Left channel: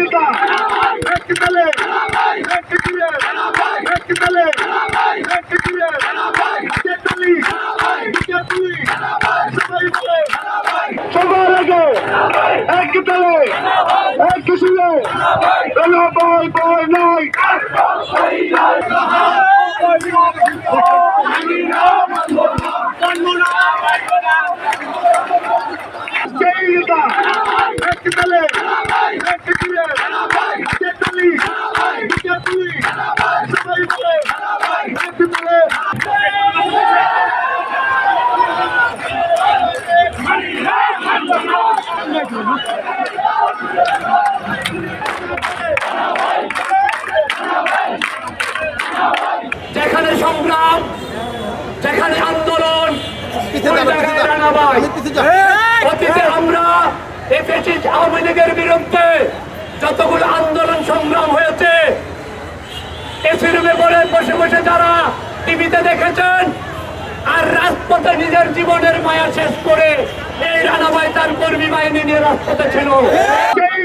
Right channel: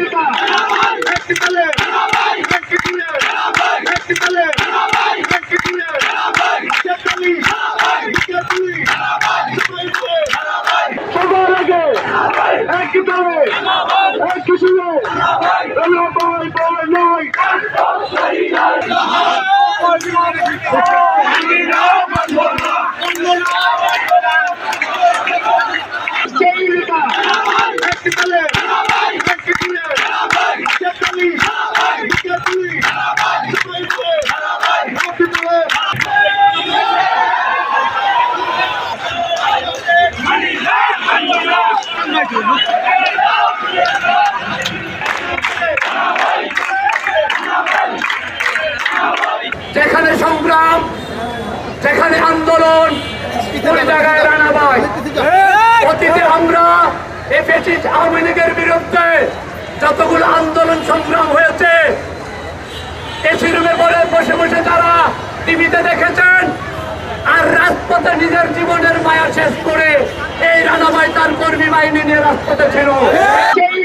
নেতা একটি তালে একটি তুলে একটি তালে। একটি তুলে তেতাল্লিশ পুলিশ সবাই সবার আগে এক তালে এক তুলে যেখানে সংগ্রাম যেখানে আন্দোলন ওই জায়গায় রানাবাই অতীতে আমরা এফএসি আওয়ামী লীগের বিরুদ্ধে। বিপুল আন্দোলন সংগ্রাম হয়েছে এসি রুমে বলে বসে বসে যারা টিভিতে দেখেছেন আর রাজপথে নিজের জীবনের মায়া শেষ করে এই রানাবাই তার কর্মী বাহিনী নিয়ে রাজপথে ছিল সেই